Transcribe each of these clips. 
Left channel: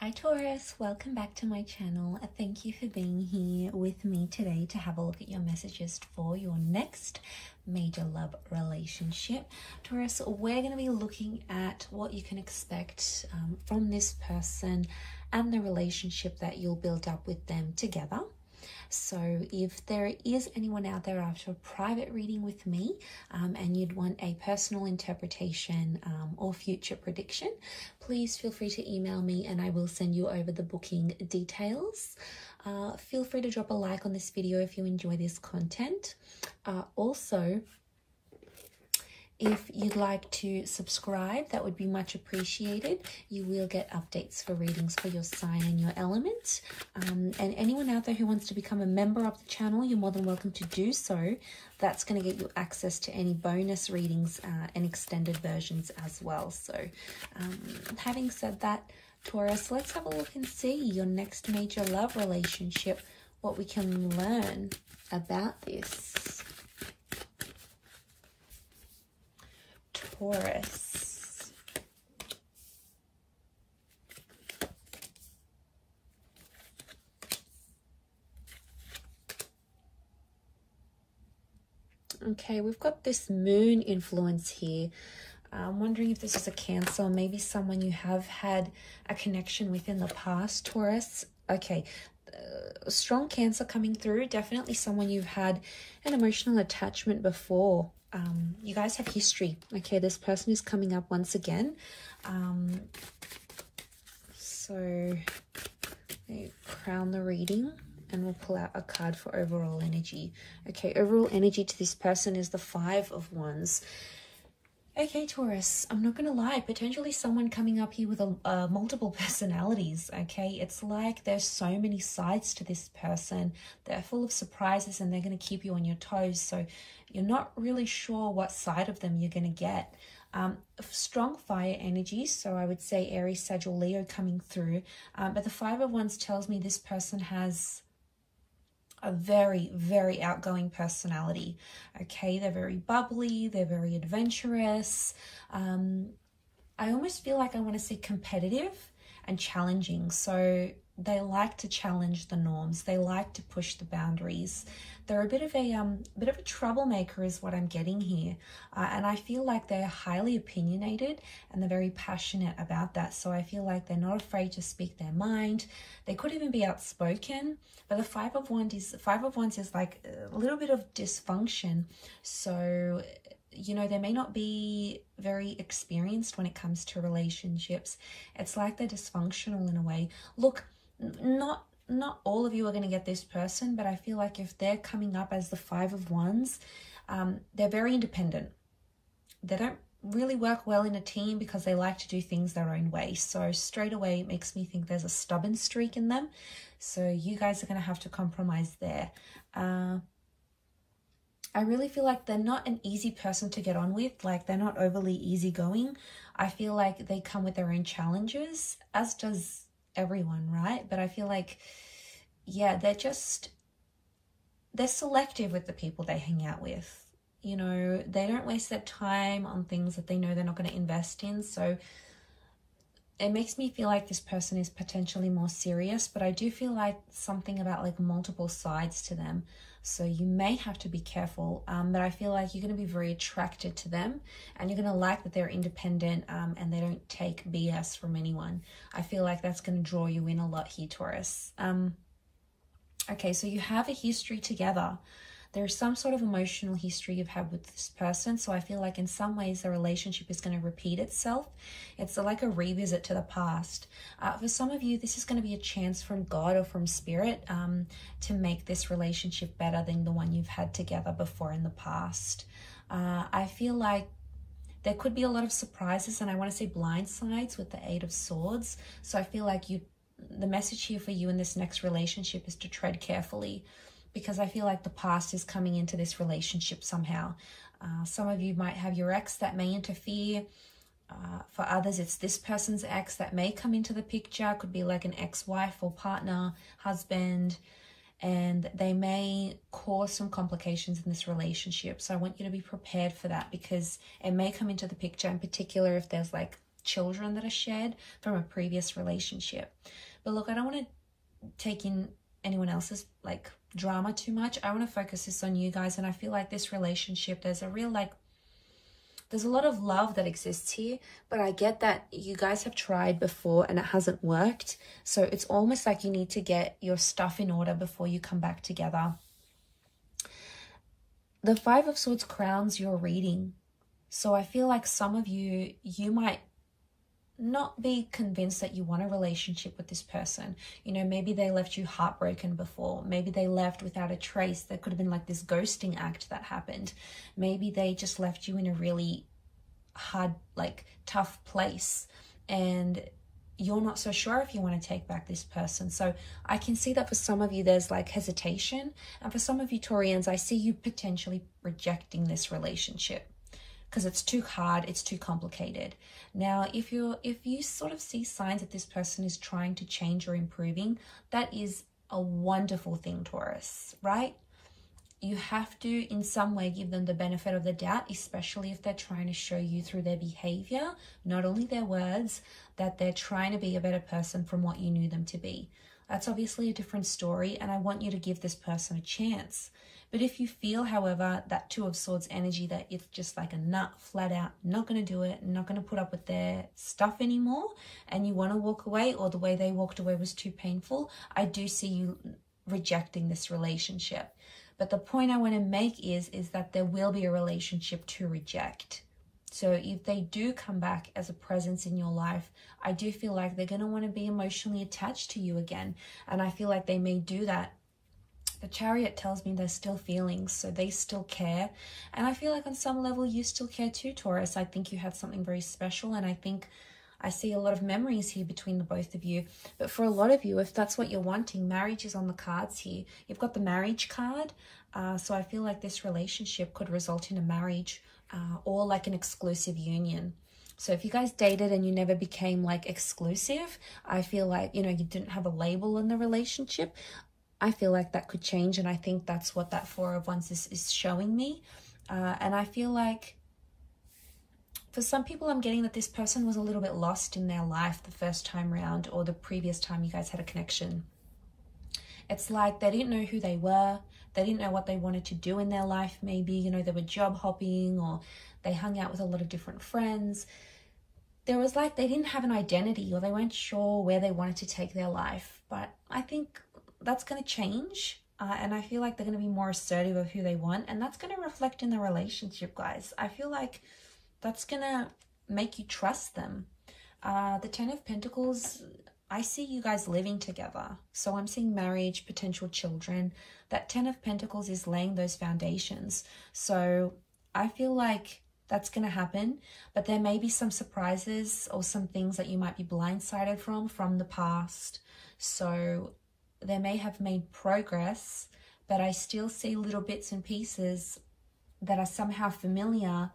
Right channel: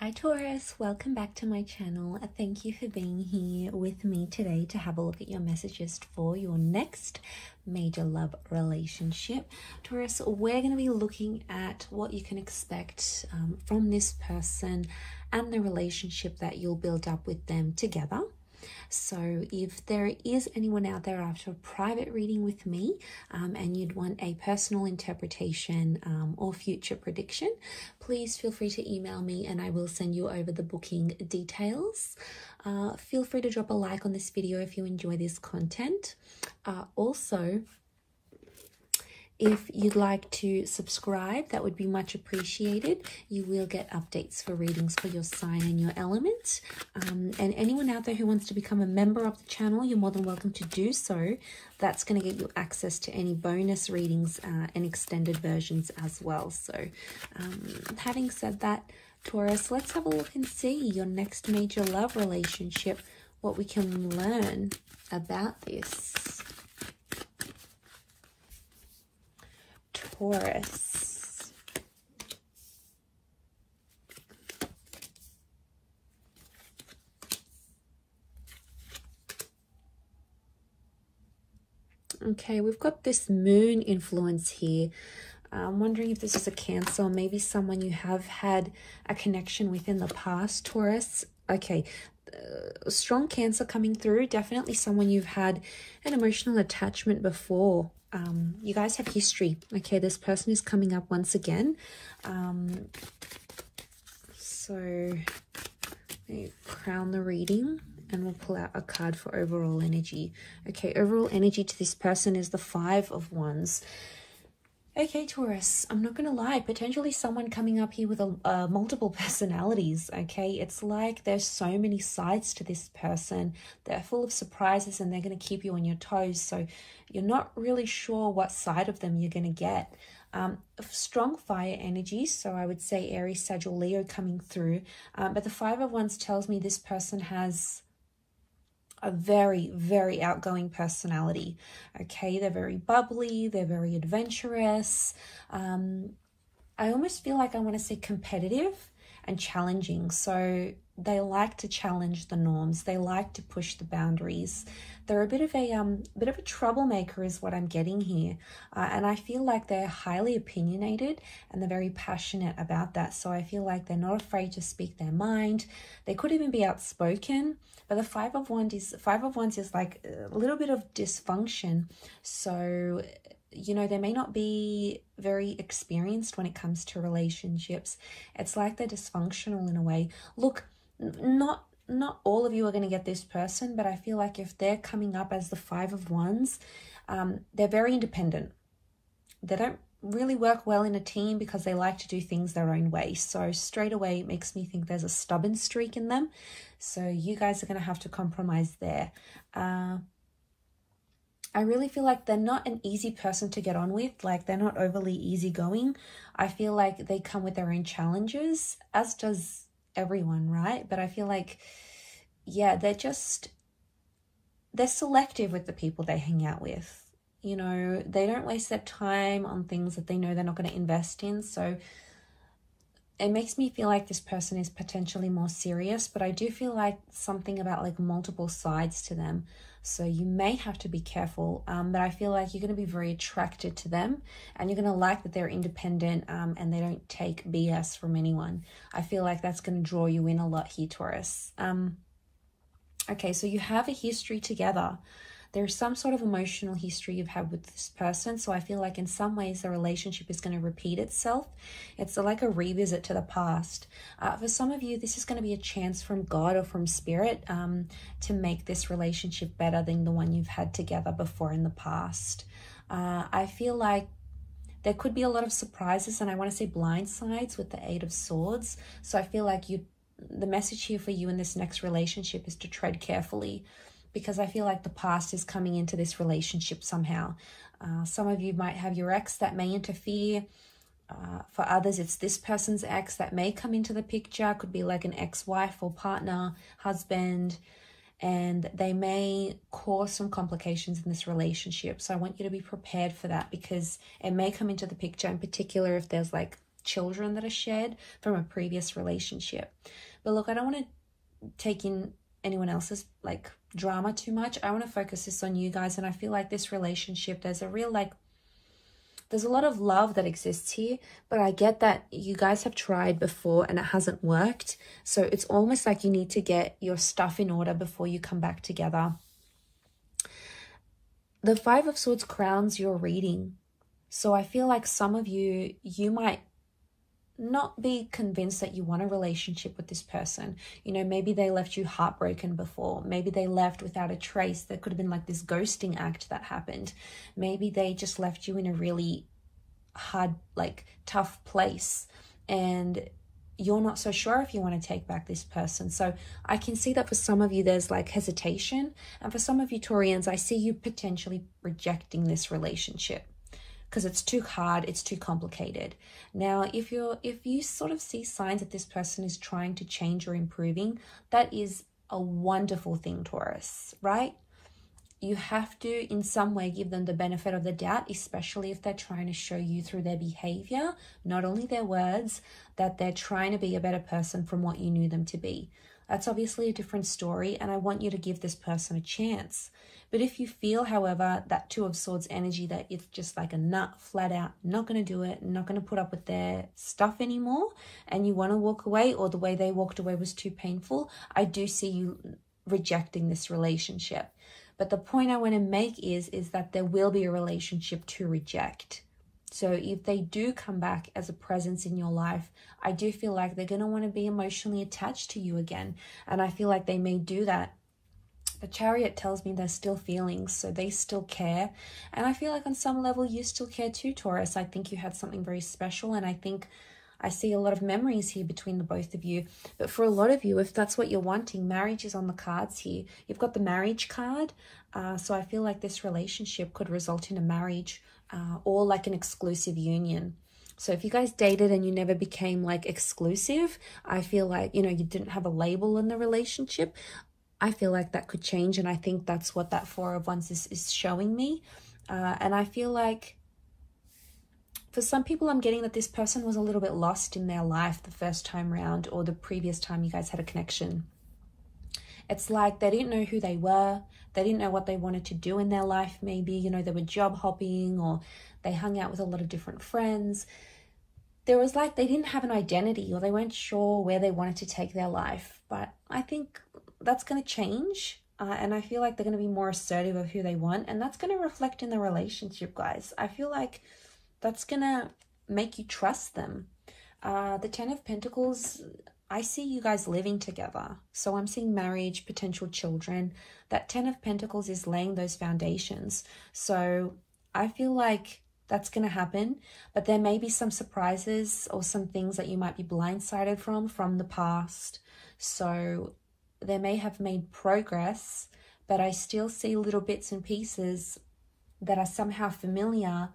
Hi Taurus, welcome back to my channel. Thank you for being here with me today to have a look at your messages for your next major love relationship. Taurus, we're going to be looking at what you can expect from this person and the relationship that you'll build up with them together. So if there is anyone out there after a private reading with me and you'd want a personal interpretation or future prediction, please feel free to email me and I will send you over the booking details. Feel free to drop a like on this video if you enjoy this content. Also, if you'd like to subscribe, that would be much appreciated. You will get updates for readings for your sign and your element. And anyone out there who wants to become a member of the channel, you're more than welcome to do so. That's going to get you access to any bonus readings and extended versions as well. So having said that, Taurus, let's have a look and see your next major love relationship, what we can learn about this. Taurus. Okay, we've got this moon influence here. I'm wondering if this is a Cancer, or maybe someone you have had a connection with in the past, Taurus. Okay, strong Cancer coming through. Definitely someone you've had an emotional attachment before. You guys have history. Okay, this person is coming up once again. So we crown the reading and we'll pull out a card for overall energy. Okay, overall energy to this person is the Five of Wands. Okay, Taurus, I'm not going to lie, potentially someone coming up here with multiple personalities, okay? It's like there's so many sides to this person. They're full of surprises and they're going to keep you on your toes. So you're not really sure what side of them you're going to get. Strong fire energies, so I would say Aries, Sagittarius, Leo coming through. But the Five of Wands tells me this person has a very, very outgoing personality. Okay, they're very bubbly, they're very adventurous. I almost feel like I want to say competitive and challenging. So they like to challenge the norms. They like to push the boundaries. They're a bit of a troublemaker is what I'm getting here. And I feel like they're highly opinionated and they're very passionate about that. So I feel like they're not afraid to speak their mind. They could even be outspoken. But the Five of Wands is like a little bit of dysfunction. So, you know, they may not be very experienced when it comes to relationships. It's like they're dysfunctional in a way. Look, not all of you are going to get this person, but I feel like if they're coming up as the Five of Wands, they're very independent. They don't really work well in a team because they like to do things their own way. So straight away, it makes me think there's a stubborn streak in them. So you guys are going to have to compromise there. I really feel like they're not an easy person to get on with. Like, they're not overly easygoing. I feel like they come with their own challenges, as does everyone, right? But I feel like, yeah, they're selective with the people they hang out with. You know, they don't waste their time on things that they know they're not going to invest in. So it makes me feel like this person is potentially more serious, but I do feel like something about like multiple sides to them. So you may have to be careful, but I feel like you're going to be very attracted to them and you're going to like that they're independent and they don't take BS from anyone. I feel like that's going to draw you in a lot here, Taurus. Okay, so you have a history together. There's some sort of emotional history you've had with this person. So I feel like in some ways the relationship is going to repeat itself. It's like a revisit to the past. For some of you, this is going to be a chance from God or from Spirit to make this relationship better than the one you've had together before in the past. I feel like there could be a lot of surprises, and I want to say blind sides with the Eight of Swords. So I feel like the message here for you in this next relationship is to tread carefully, because I feel like the past is coming into this relationship somehow. Some of you might have your ex that may interfere. For others, it's this person's ex that may come into the picture. Could be like an ex-wife or partner, husband, and they may cause some complications in this relationship. So I want you to be prepared for that, because it may come into the picture, in particular if there's like children that are shared from a previous relationship. But look, I don't want to take in anyone else's like drama too much. I want to focus this on you guys, and I feel like this relationship, there's a real like, there's a lot of love that exists here, but I get that you guys have tried before and it hasn't worked. So it's almost like you need to get your stuff in order before you come back together. The Five of Swords crowns your reading. So I feel like some of you, you might not be convinced that you want a relationship with this person. You know, maybe they left you heartbroken before. Maybe they left without a trace. There could have been like this ghosting act that happened. Maybe they just left you in a really hard, like tough place, and you're not so sure if you want to take back this person. So I can see that for some of you, there's like hesitation. And for some of you Taurians, I see you potentially rejecting this relationship because it's too hard, it's too complicated. Now, if you sort of see signs that this person is trying to change or improving, that is a wonderful thing, Taurus, right? You have to, in some way, give them the benefit of the doubt, especially if they're trying to show you through their behavior, not only their words, that they're trying to be a better person from what you knew them to be. That's obviously a different story, and I want you to give this person a chance. But if you feel, however, that Two of Swords energy, that it's just like a nut, flat out, not going to do it, not going to put up with their stuff anymore, and you want to walk away, or the way they walked away was too painful, I do see you rejecting this relationship. But the point I want to make is that there will be a relationship to reject. So if they do come back as a presence in your life, I do feel like they're going to want to be emotionally attached to you again. And I feel like they may do that. The Chariot tells me there's still feelings, so they still care. And I feel like on some level you still care too, Taurus. I think you had something very special, and I think I see a lot of memories here between the both of you. But for a lot of you, if that's what you're wanting, marriage is on the cards here. You've got the marriage card. So I feel like this relationship could result in a marriage or like an exclusive union. So if you guys dated and you never became like exclusive, I feel like, you know, you didn't have a label in the relationship, I feel like that could change. And I think that's what that Four of Wands is showing me. And I feel like for some people, I'm getting that this person was a little bit lost in their life the first time round, or the previous time you guys had a connection. It's like they didn't know who they were. They didn't know what they wanted to do in their life. Maybe, you know, they were job hopping, or they hung out with a lot of different friends. There was like, they didn't have an identity, or they weren't sure where they wanted to take their life. But I think that's going to change. And I feel like they're going to be more assertive of who they want. And that's going to reflect in the relationship, guys. I feel like that's going to make you trust them. The Ten of Pentacles, I see you guys living together. So I'm seeing marriage, potential children. That Ten of Pentacles is laying those foundations. So I feel like that's going to happen. But there may be some surprises or some things that you might be blindsided from the past. So they may have made progress, but I still see little bits and pieces that are somehow familiar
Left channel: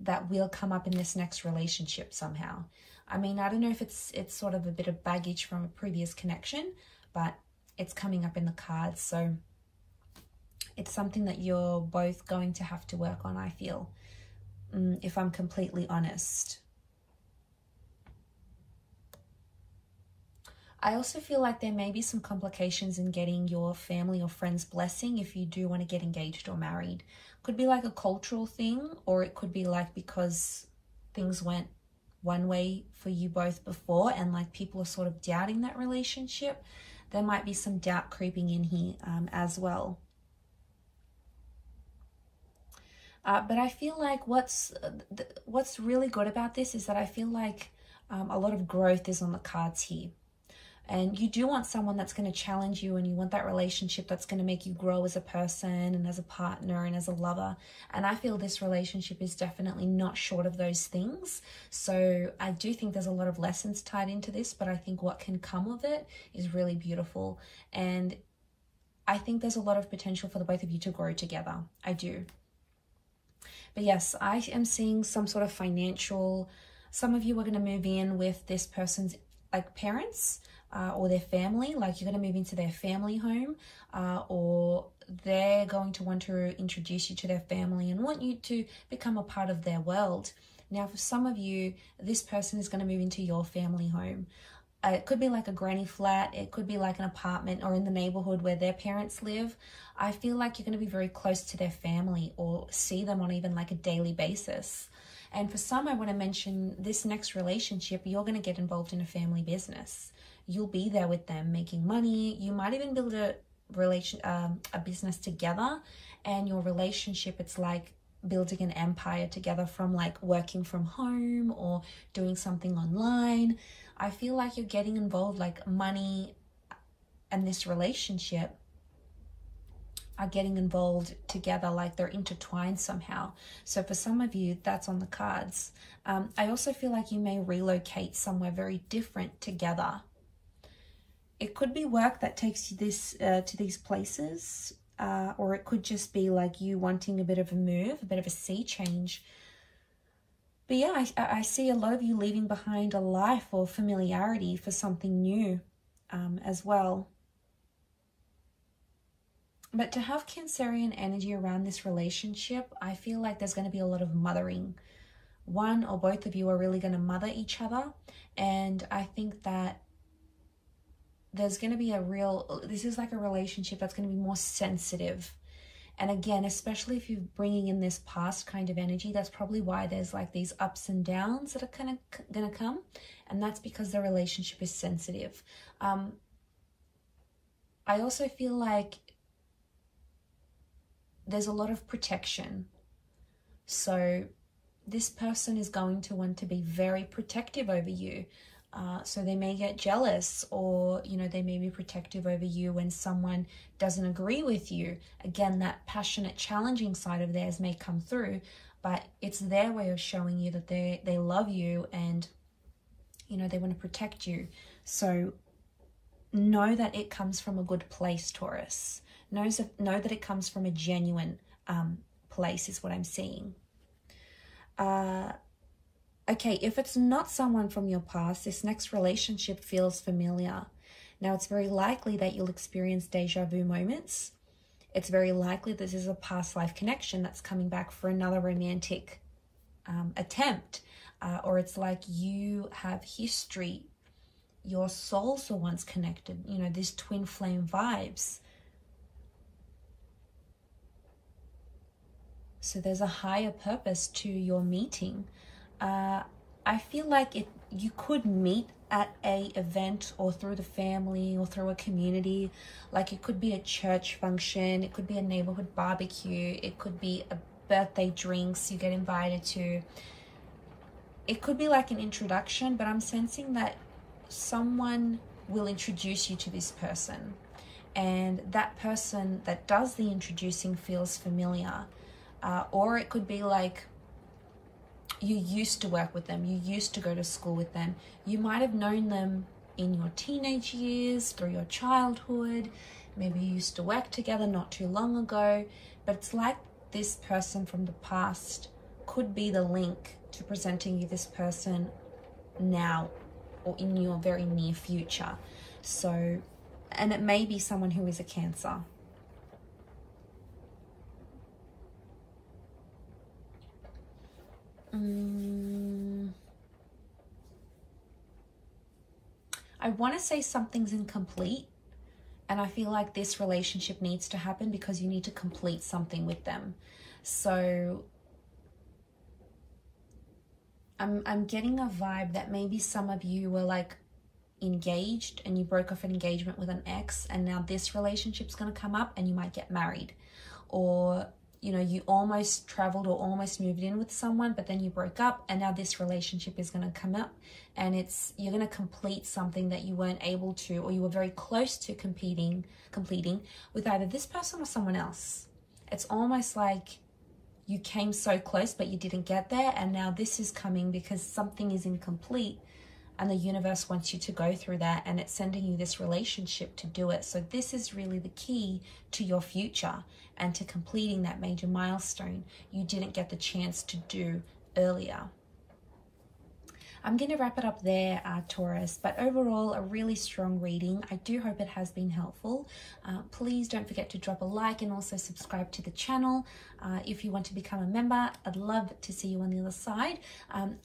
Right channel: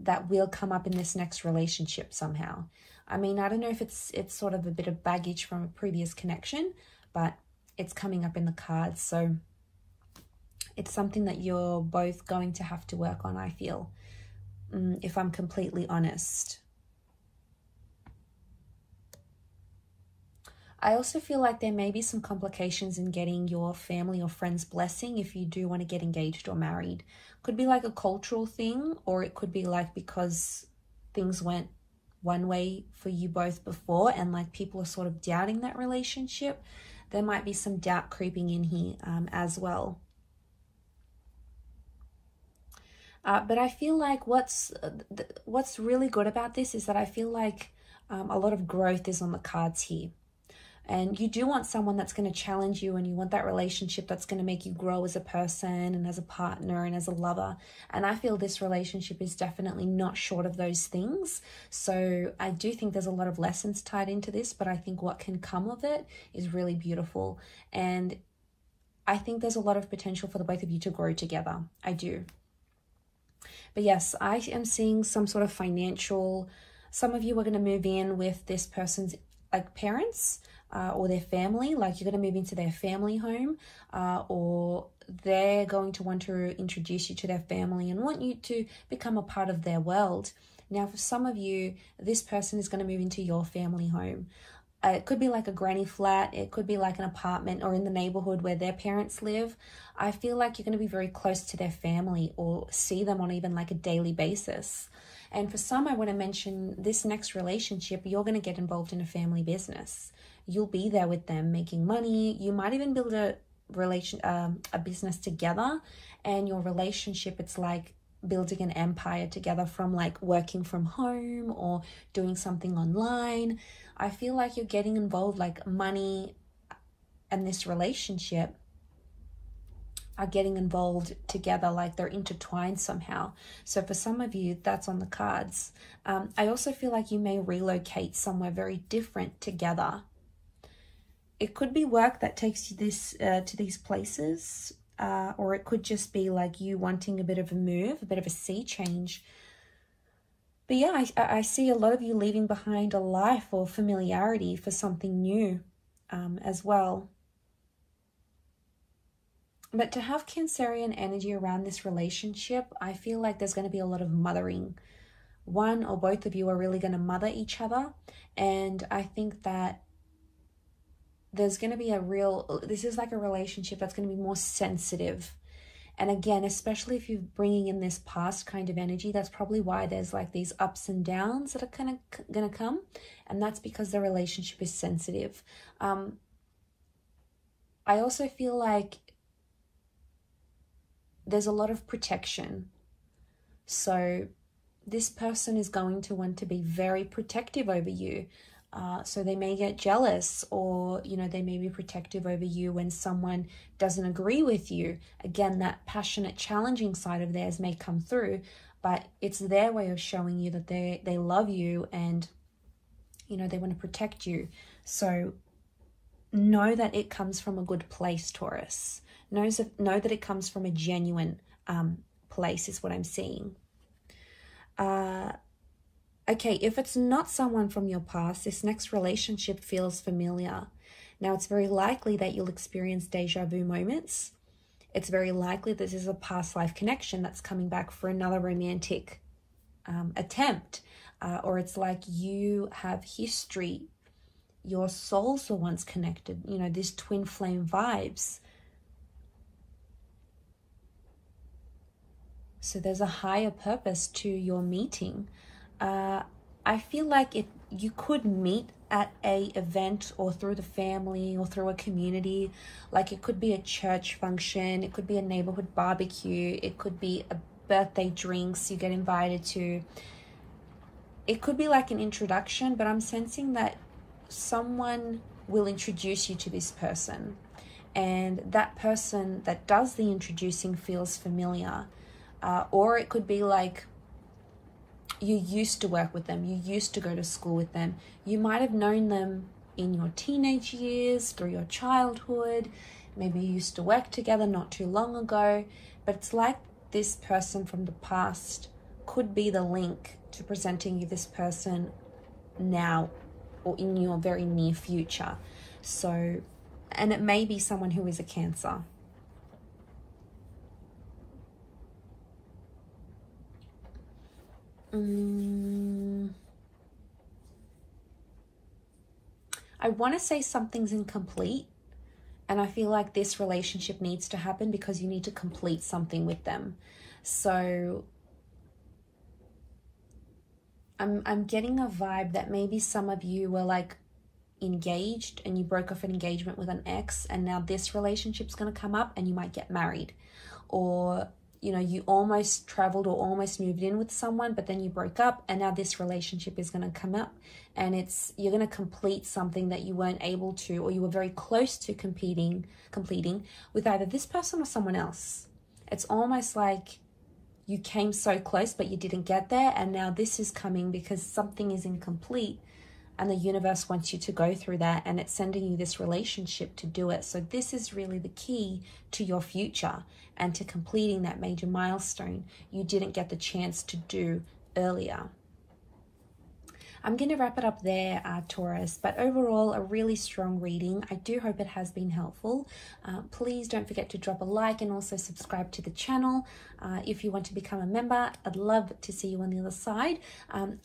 that will come up in this next relationship somehow. I mean, I don't know if it's sort of a bit of baggage from a previous connection, but it's coming up in the cards. So it's something that you're both going to have to work on, I feel, if I'm completely honest. I also feel like there may be some complications in getting your family or friends' blessing if you do want to get engaged or married. Could be like a cultural thing, or it could be like because things went one way for you both before and like people are sort of doubting that relationship. There might be some doubt creeping in here as well. But I feel like what's really good about this is that I feel like a lot of growth is on the cards here. And you do want someone that's going to challenge you, and you want that relationship that's going to make you grow as a person and as a partner and as a lover. And I feel this relationship is definitely not short of those things. So I do think there's a lot of lessons tied into this, but I think what can come of it is really beautiful. And I think there's a lot of potential for the both of you to grow together. I do. But yes, I am seeing some sort of financial, some of you are going to move in with this person's like parents, or their family, like you're going to move into their family home, or they're going to want to introduce you to their family and want you to become a part of their world. Now, for some of you, this person is going to move into your family home. It could be like a granny flat, it could be like an apartment or in the neighborhood where their parents live. I feel like you're going to be very close to their family or see them on even like a daily basis. And for some, I want to mention this next relationship, you're going to get involved in a family business. You'll be there with them making money. You might even build a business together, and your relationship, it's like building an empire together from like working from home or doing something online. I feel like you're getting involved, like money and this relationship are getting involved together, like they're intertwined somehow. So for some of you, that's on the cards. I also feel like you may relocate somewhere very different together. It could be work that takes you to these places, or it could just be like you wanting a bit of a move, a bit of a sea change. But yeah, I see a lot of you leaving behind a life or familiarity for something new as well. But to have Cancerian energy around this relationship, I feel like there's going to be a lot of mothering. One or both of you are really going to mother each other. And I think that there's going to be this is like a relationship that's going to be more sensitive. And again, especially if you're bringing in this past kind of energy, that's probably why there's like these ups and downs that are kind of going to come. And that's because the relationship is sensitive. I also feel like there's a lot of protection. So this person is going to want to be very protective over you. So they may get jealous, or, you know, they may be protective over you when someone doesn't agree with you. Again, that passionate, challenging side of theirs may come through, but it's their way of showing you that they love you and, you know, they want to protect you. So know that it comes from a good place, Taurus. Know that it comes from a genuine place is what I'm seeing. Okay, if it's not someone from your past, this next relationship feels familiar. Now, it's very likely that you'll experience deja vu moments. It's very likely this is a past life connection that's coming back for another romantic attempt. Or it's like you have history. Your souls were once connected. You know, these twin flame vibes. So there's a higher purpose to your meeting. I feel like if you could meet at a event or through the family or through a community, like it could be a church function, it could be a neighborhood barbecue, it could be a birthday drinks you get invited to. It could be like an introduction, but I'm sensing that someone will introduce you to this person, and that person that does the introducing feels familiar. Or it could be like you used to work with them, you used to go to school with them, you might have known them in your teenage years, through your childhood, maybe you used to work together not too long ago, but it's like this person from the past could be the link to presenting you this person now or in your very near future. So, and it may be someone who is a Cancer. I want to say something's incomplete, and I feel like this relationship needs to happen because you need to complete something with them. So I'm getting a vibe that maybe some of you were like engaged and you broke off an engagement with an ex, and now this relationship's going to come up and you might get married. Or, you know, you almost traveled or almost moved in with someone, but then you broke up, and now this relationship is going to come up, and you're going to complete something that you weren't able to, or you were very close to completing with either this person or someone else. It's almost like you came so close, but you didn't get there, and now this is coming because something is incomplete, and the universe wants you to go through that, and it's sending you this relationship to do it. So this is really the key to your future and to completing that major milestone you didn't get the chance to do earlier. I'm going to wrap it up there, Taurus, but overall a really strong reading. I do hope it has been helpful. Please don't forget to drop a like and also subscribe to the channel. If you want to become a member, I'd love to see you on the other side.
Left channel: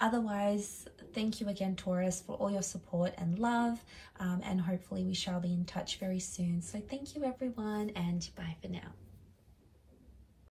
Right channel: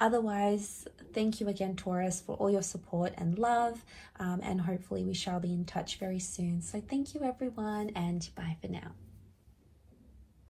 Otherwise, thank you again, Taurus, for all your support and love, and hopefully we shall be in touch very soon. So thank you everyone, and bye for